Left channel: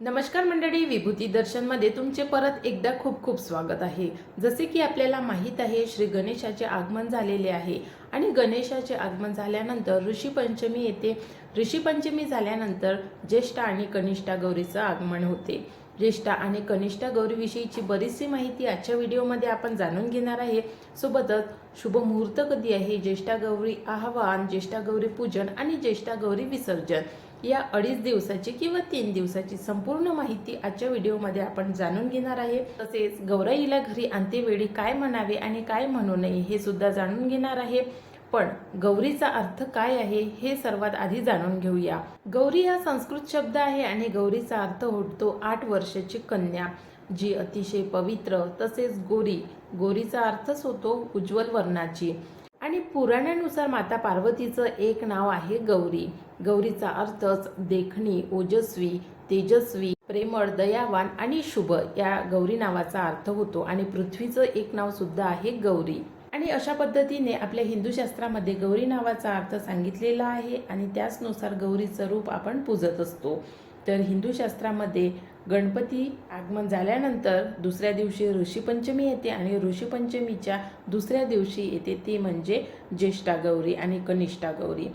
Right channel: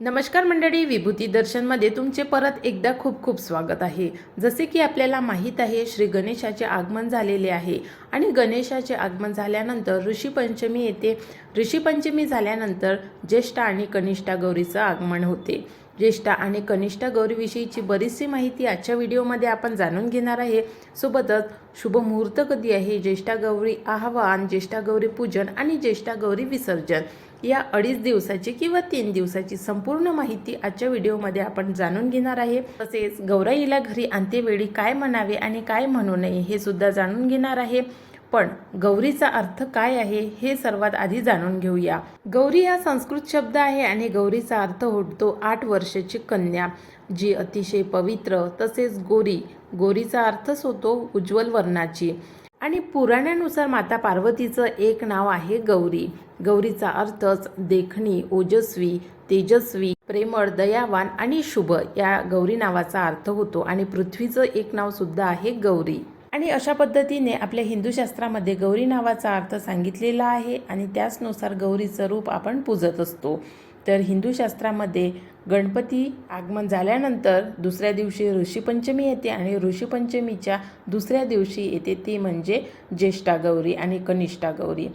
नमस्कार मंडळी विभूती दर्शनमध्ये तुमचे परत एकदा खूप खूप स्वागत आहे. जसे की आपल्याला माहीत आहे श्री गणेशाचे आगमन झालेले आहे आणि गणेशाचे आगमन झाल्यानंतर ऋषीपंचमी येते. ऋषीपंचमी झाल्यानंतर ज्येष्ठ आणि कनिष्ठा गौरीचं आगमन होते. ज्येष्ठा आणि कनिष्ठा गौरीविषयीची बरीचशी माहिती आजच्या व्हिडिओमध्ये आपण जाणून घेणार आहे. सोबतच शुभ मुहूर्त कधी आहे? ज्येष्ठा गौरी आवाहन ज्येष्ठा गौरी पूजन आणि ज्येष्ठा गौरी विसर्जन. या अडीच दिवसाची किंवा तीन दिवसाची संपूर्ण माहिती आजच्या व्हिडिओमध्ये आपण जाणून घेणार आहे. तसेच गौराईला घरी आणतेवेळी काय म्हणावे आणि काय म्हणू नये हे सुद्धा जाणून घेणार आहे. पण गौरीचा अर्थ काय आहे हे सर्वात आधी जाणून घेऊया. गौरी हा संस्कृत शब्द आहे आणि गौरीचा अर्थ होतो आठ वर्षाची कन्या जी अतिशय पवित्र तसेच गोरी. गोरीचा अर्थच होतो उज्ज्वल वर्णाची. आणि पुराणानुसार माता पार्वतीचं एक नाव आहे गौरी. गौरीचा अर्थच देखणी ओजस्वी तेजस्वी प्रेमळ दयावान आणि शुभ या गौरी नावाचा अर्थ होतो आणि पृथ्वीचं एक नाव सुद्धा आहे गौरी. आणि अशा पद्धतीने आपल्या हिंदू शास्त्रामध्ये गौरी नावाचा अर्थ सांगितलेला आहे आणि त्याचनुसार गौरीचं रूप आपण पूजत असतो. तर हिंदू शास्त्रामध्ये गणपती आगमन झाल्यानंतर दुसऱ्या दिवशी ऋषीपंचमी येते आणि ऋषीपंचमीच्या दुसऱ्या दिवशी येते ती म्हणजे ज्येष्ठा गौरी आणि कनिष्ठा गौरी.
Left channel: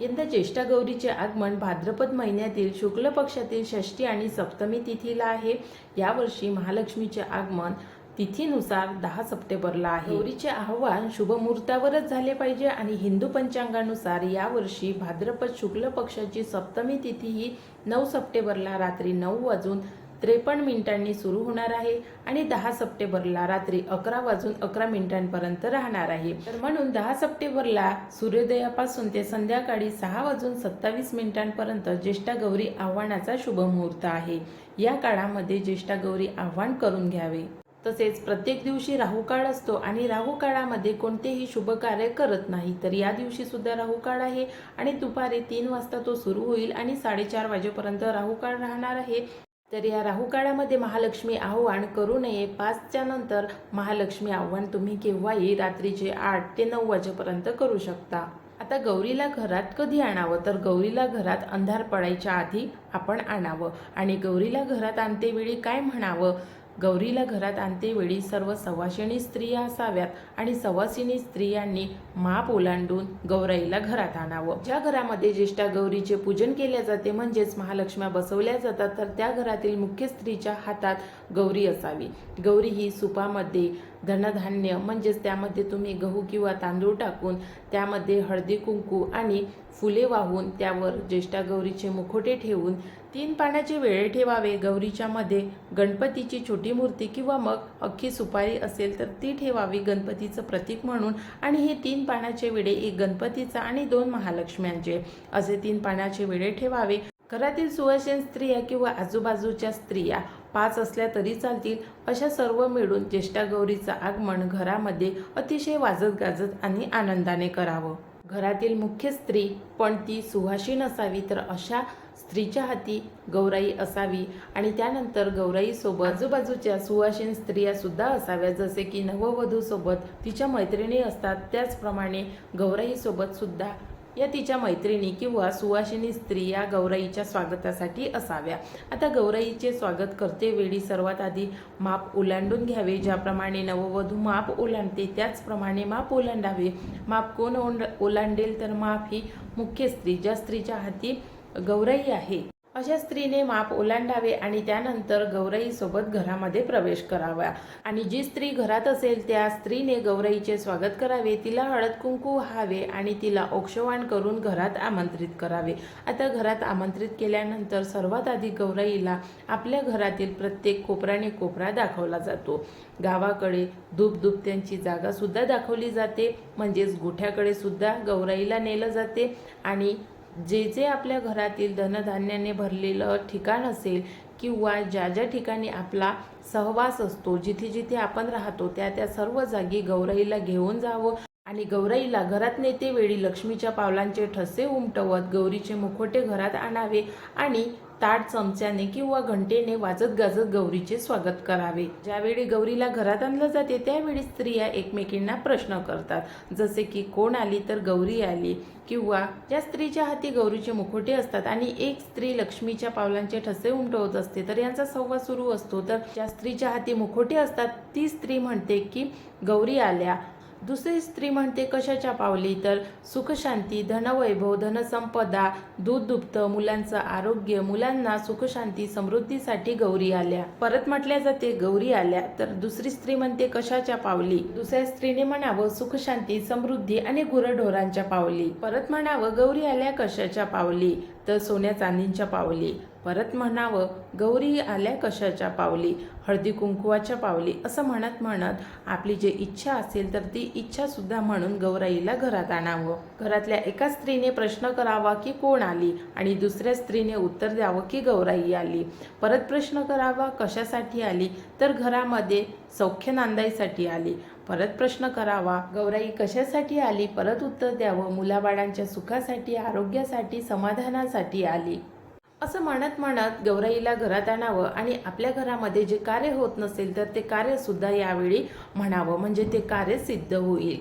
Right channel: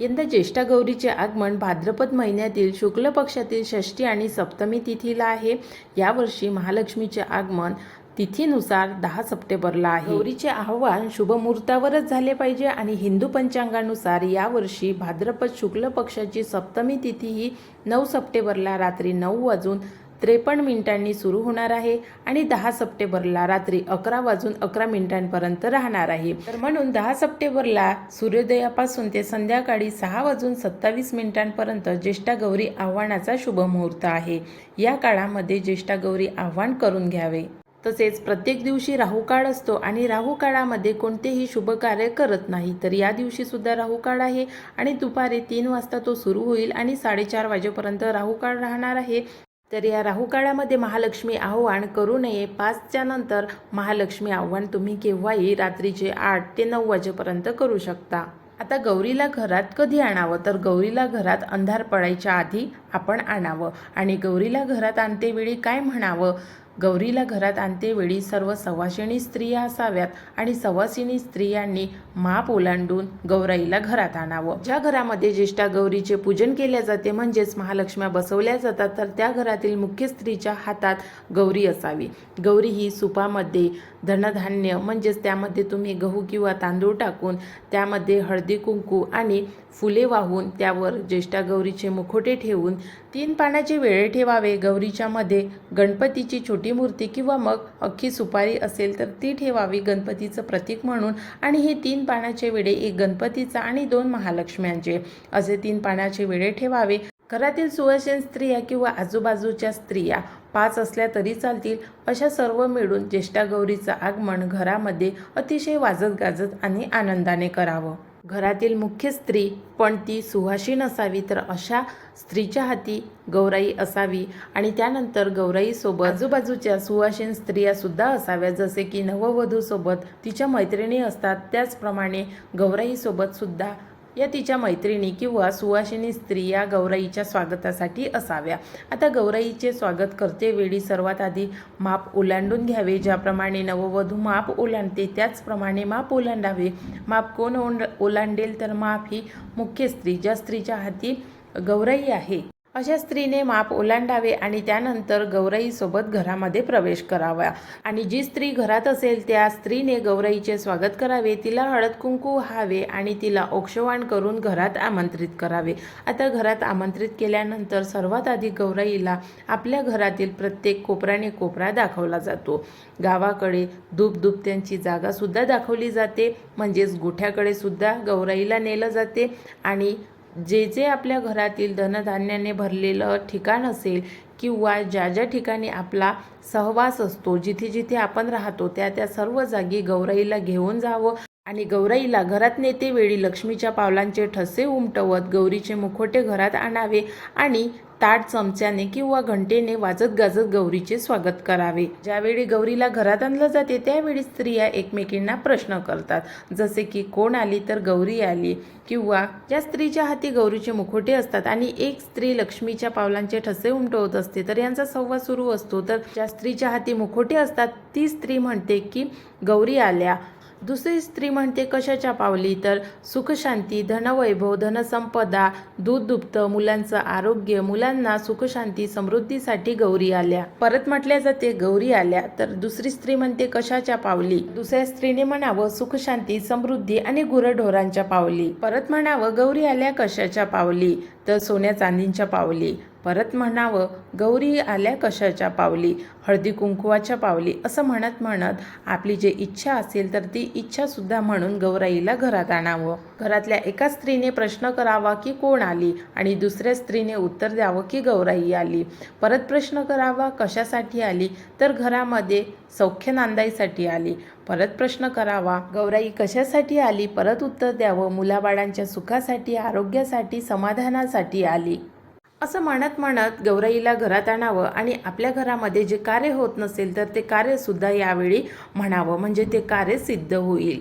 यंदा ज्येष्ठा गौरीचे आगमन भाद्रपद महिन्यातील शुक्ल पक्षातील षष्ठी आणि सप्तमी तिथीला आहे. यावर्षी महालक्ष्मीचे आगमन तिथीनुसार दहा सप्टेंबरला आहे. गौरीचे आव्हान शुभमुहूर्तावरच झाले पाहिजे आणि हिंदू पंचांगानुसार यावर्षी भाद्रपद शुक्ल पक्षाची सप्तमी तिथी ही नऊ सप्टेंबरला रात्री नऊ वाजून त्रेपन्न मिनिटांनी सुरू होणार आहे आणि दहा सप्टेंबरला रात्री अकरा वाजून अकरा मिनिटांपर्यंत राहणार आहे. तर म्हणून दहा सप्टेंबरला सूर्योदयापासून ते संध्याकाळी सहा वाजून सत्तावीस मिनिटांपर्यंत ज्येष्ठा गौरी आव्हानाचा शुभ मुहूर्त आहे. या काळामध्ये ज्येष्ठा गौरी आव्हान करून घ्यावे. तसेच प्रत्येक दिवशी राहूकाळ असतो आणि राहू काळामध्ये कोणतेही शुभ कार्य करत नाही. तर या दिवशी सुद्धा आहे आणि दुपारी तीन वाजता तो सुरू होईल आणि साडेचार वाजेपर्यंत राहूकाळ राहणार आहे. तर या राहू काळामध्ये महालक्ष्मी आव्हान करू नये. पाचच्या नंतर महालक्ष्मी आव्हान तुम्ही केव्हाही रात्रीचे आठ ते नऊ वाजेपर्यंत करू शकता. आता गौरीला घरात कधी आणावं? तर गौरीला घरात अंधार पडायच्या आधी आपण आणावं. आणि गौरीला घरात आणतेवेळी काय म्हणावं? गौरीला घरात आणतेवेळी सर्व सवाशिणी स्त्रिया असाव्यात आणि सवासिनी स्त्रियांनी माप ओलांडून गौराईला घरात आणावं. ज्या घरामध्ये ज्येष्ठा गौरीचे पूजन केले जाते म्हणजेच महालक्ष्म्या बसवल्या जातात तर त्या घरातील मुख्य स्त्रीच्या हातात गौरी असावी. गौरी ही सुपामध्ये धनधान्य म्हणजेच त्यामध्ये तुम्ही गहू किंवा तांदूळ टाकून त्यामध्ये हळदी कुंकू आणि फुले वाहून त्यावर ज्येष्ठा गौरीचे मुखोटे ठेवून तीन पाण्याचे वेळे ठेवावे. गौरीच्या मध्ये गणपतीची छोटी मूर्ती किंवा मग अख्खी सुपारी असेल तर ती ठेवावी. गणपतीचं प्रतीक म्हणून आणि हे तीन पाण्याचे विडे एक गणपतीचा आणि दोन महालक्ष्म्यांचे. असे तीन पाण्याचे वेळे ठेवावे. घरातील सुवासीन स्त्रिया किंवा आजूबाजूच्या स्त्रिया पाच असल्या तरी चालतील. अशा सर्व मिळून ज्येष्ठा गौरीचं आगमन घरामध्ये अतिशय वाजत गाजत आणि आनंदाने करावं. घरातील मुख्य स्त्री पण ती सुहासीन असावी तर अशा स्त्रीच्या हाती गौराई असावी आणि त्यानंतर गौराईसोबत आजूबाजूच्या सुवासीन स्त्रिया सुद्धा असाव्या जसे की नववधूसोबत तिच्या मैत्रिणी असतात त्याचप्रमाणे गौराईसोबत सुद्धा या तिच्या मैत्रिणी किंवा सुवासिनी स्त्री या गौराईच्या स्वागतासाठी असाव्या. आता गौराईचे स्वागत करते वेळी सर्वात आधी माप ओलांडून घ्यावे ज्याप्रमाणे नववधू माप ओलांडते त्याचप्रमाणे माप ओलांडावे. माप कोण ओंड ओलांडेल तर माप ही मुख्य स्त्री. ज्या स्त्रीच्या हाती गौराई आहे. अशा स्त्रीने माप ओलांडावे आणि त्यानंतर गौराईसोबत घरामध्ये प्रवेश करावा. आणि जी स्त्री घरात असेल त्या स्त्रीने गौराईचे स्वागत करावे तिला हळद कुंकू व्हावे आणि तिला औक्षवाण करून घरात आमंत्रित करावे. आता घरात आमंत्रित केल्यानंतर सर्वात आधी गौराईला आपल्या घरातील प्रत्येक कोपऱ्याने कोपरा दाखवला जातो. गावाकडे धूप त्यांची जागासुद्धा दाखवली जाते. म्हणजेच गोठ्याकडे सुद्धा गौराईला नेलं जाते. आणि जे जे आपल्या घरातील धनधान्याने भरलेलं ठिकाण असेल किंवा ज्या ज्या ठिकाणी आपला सहवास असतो जिथे जिथे आपण राहतो त्या त्या सर्व जागी गौराईला घेऊन जावं. आणि गौराईला घरात नेते वेळी लक्ष्मीच्या पावलांचे ठसे उमटवत गौरीचे मुखोटे घरात आणावे आणि ताट चमच्याने किंवा घंटेने वाजत गाजत गौरीचे स्वागत करावे. ज्यावेळी गौरीला घरात आणलं जाते त्यावेळी स्त्रिया एकमेकींना प्रश्न करतात. जसे की कोण आली तर गौरी आली किंवा ज्या स्त्रीच्या हाती गौरीचे मुखोटे असतात आणि एक स्त्री लक्ष्मीच्या पावलांचे ठसे उमटवत असते तर यांचा संवाद सुरू असतो. तर ज्या स्त्रीच्या हाती मुखोटे असतात ती स्त्री म्हणते की गौरी आल्या. दुसरी स्त्री म्हणते कशाच्या पावली? तर सुखशांती धनवैभव धनसंपदा दूध दुभतं मुलांचं आरोग्य मुलांना सुखशांती समृद्धीसाठी गौरी आल्या. परत म्हटल्या जाते गौरी आल्या. तर दुसरी स्त्री म्हणते कशाच्या पावली? दुसऱ्या स्त्रीने म्हणावं सुखशांती समृद्धी आणि गुरढोरांच्या पावली. परत म्हणावं गौरी आल्या कशाच्या पावली? तर सोन्या चांदींच्या पावली. परत म्हणावं गौरी आल्या कशाच्या पावली? हळदी कुंकुवाच्या पावली? असं म्हणत म्हणत आपली जी इच्छा असेल तर ती इच्छासुद्धा म्हणून गौराईला घरात आणावं. घरातल्या एका स्त्रीने प्रश्न करावा की कोण आली आणि दुसऱ्या स्त्रीने उत्तर द्यावं की गौराई आली. परत प्रश्न करावा कशासाठी आली? तर घरामध्ये सौख्य नांदाईसाठी आली. परत प्रश्न करावा गौराई कशासाठी आली? परत उत्तर द्यावं मुलाबाळांच्या सुखासाठी आरोग्यासाठी समाधानासाठी आली. असं म्हणत म्हणत गौराईला घरात आणावं आणि आपल्या घरामध्ये जे कार्य होत नसेल तर ते कार्यसुद्धा यावेळी म्हणावं म्हणजे ते कार्य सिद्ध होईल.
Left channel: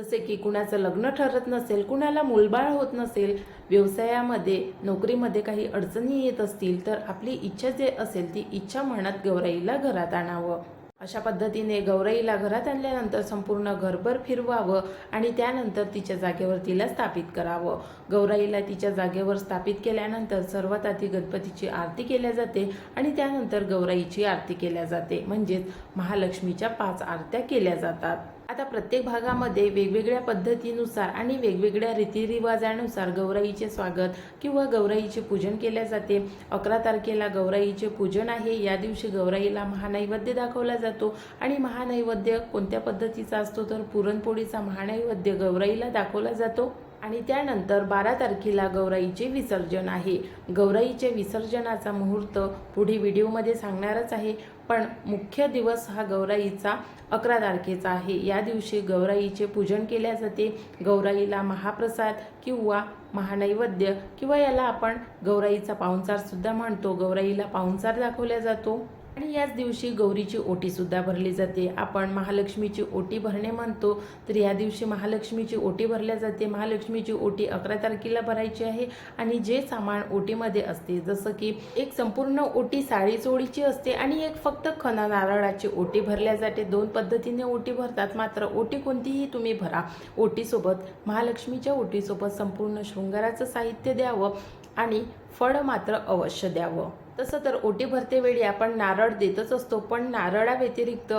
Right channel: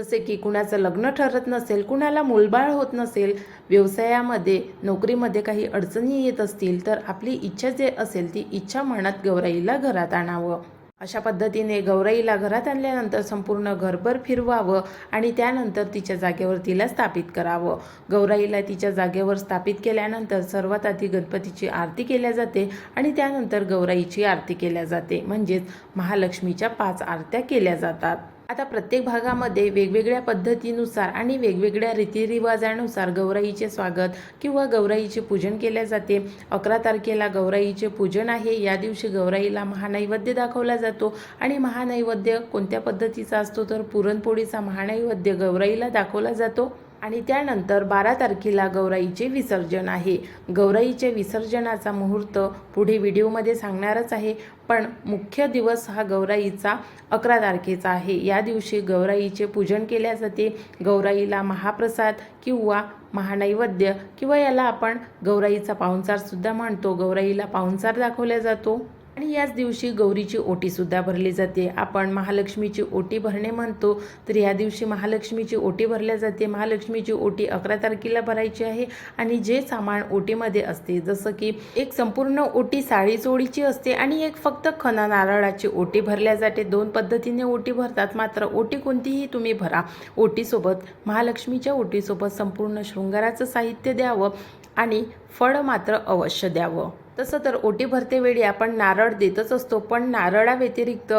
जसे की कुणाचं लग्न ठरत नसेल कुणाला मुलबाळ होत नसेल व्यवसायामध्ये नोकरीमध्ये काही अडचणी येत असतील तर आपली इच्छा जे असेल ती इच्छा म्हणत गौराईला घरात आणावं. अशा पद्धतीने गौराईला घरात आणल्यानंतर संपूर्ण घरभर फिरवावं आणि त्यानंतर तिच्या जागेवर तिला स्थापित करावं. गौराईला तिच्या जागेवर स्थापित केल्यानंतर सर्वात आधी गणपतीची आरती केल्या जाते आणि त्यानंतर गौराईची आरती केल्या जाते. म्हणजेच महालक्ष्मीच्या पाच आरत्या केल्या जातात. आता प्रत्येक भागामध्ये वेगवेगळ्या पद्धतीनुसार आणि वेगवेगळ्या रीतिरिवाजानुसार गौराईचे स्वागत किंवा गौराईचे पूजन केले जाते. अकरा तारखेला गौराईचे पूजन आहे. या दिवशी गौराईला महानैवेद्य दाखवला जातो आणि महानैवेद्य कोणत्या पद्धतीचा असतो तर पुरणपोळीचा महानैवेद्य गौराईला दाखवला जातो. आणि त्यानंतर बारा तारखेला गौराईचे विसर्जन आहे. गौराईचे विसर्जनाचा मुहूर्त पुढे व्हिडिओमध्ये सांगणारच आहे. पण मुख्य दिवस हा गौराईचा अकरा तारखेचा आहे. या दिवशी गौराईचे पूजन केल्या जाते. गौराईला महाप्रसाद किंवा महानैवेद्य किंवा याला आपण गौराईचा पाहुणचारसुद्धा म्हणतो. गौराईला पाहुणचार दाखवला जातो. आणि याच दिवशी गौरीची ओटीसुद्धा भरली जाते. आपण महालक्ष्मीची ओटी भरणे म्हणतो तर या दिवशी महालक्ष्मीची ओटी भरल्या जाते. महालक्ष्मीची ओटी अकरा तारखेला भरायची आहे आणि जे सामान ओटीमध्ये असते जसं की एक संपूर्ण ओटी साळी चोळीची असते आणि एक फक्त खना नारळाची ओटी भरल्या जाते. दोन पद्धतीने ओटी भरतात. मात्र ओटी कोणतीही तुम्ही भरा. ओटीसोबत महालक्ष्मीच्या ओटीसोबत संपूर्ण शृंगाराचं साहित्य द्यावं आणि फळ मात्र अवश्य द्यावं. तसं तर ओटी भरते वेळी आपण नारळ देतच असतो पण नारळाव्यतिरिक्त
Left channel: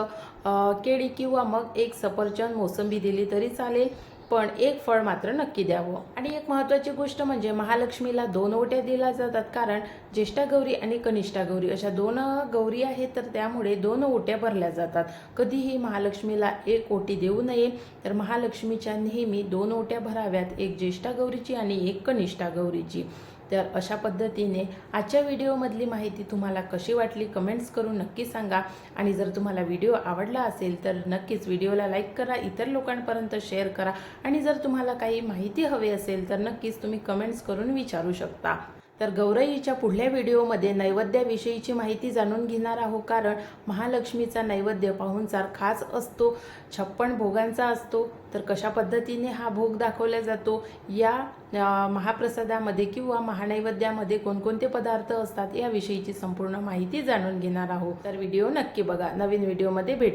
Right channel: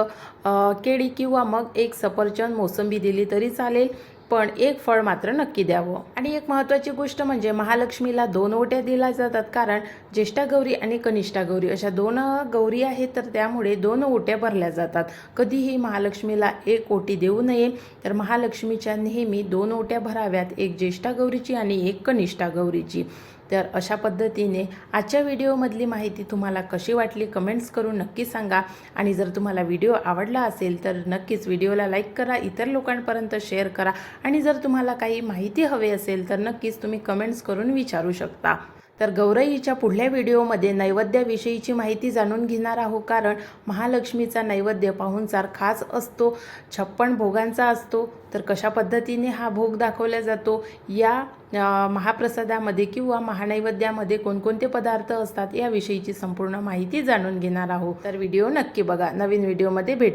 केळी किंवा मग एक सफरचंद मोसंबी दिली तरी चालेल पण एक फळ मात्र नक्की द्यावं. आणि एक महत्त्वाची गोष्ट म्हणजे महालक्ष्मीला दोन ओट्या दिल्या जातात कारण ज्येष्ठा गौरी आणि कनिष्ठा गौरी अशा दोन गौरी आहेत तर त्यामुळे दोन ओट्या भरल्या जातात. कधीही महालक्ष्मीला एक ओटी देऊ नये तर महालक्ष्मीच्या नेहमी दोन ओट्या भराव्यात एक ज्येष्ठा गौरीची आणि एक कनिष्ठा गौरीची. तर अशा पद्धतीने आजच्या व्हिडिओमधली माहिती तुम्हाला कशी वाटली कमेंट्स करून नक्की सांगा. आणि जर तुम्हाला व्हिडिओ आवडला असेल तर नक्कीच व्हिडिओला लाईक करा इतर लोकांपर्यंत शेअर करा. आणि जर तुम्हाला काही माहिती हवी असेल तर नक्कीच तुम्ही कमेंट्स करून विचारू शकता. तर गौरईच्या पुढल्या व्हिडिओमध्ये नैवेद्याविषयीची माहिती जाणून घेणार आहोत. कारण महालक्ष्मीचा नैवेद्य पाहुणचार खास असतो छप्पन भोगांचा असतो. तर कशा पद्धतीने हा भोग दाखवला जातो? या महाप्रसादामध्ये किंवा महानैवेद्यामध्ये कोणकोणते पदार्थ असतात याविषयीची संपूर्ण माहिती जाणून घेणार आहोत. तर व्हिडिओ नक्की बघा. नवीन व्हिडिओमध्ये भेट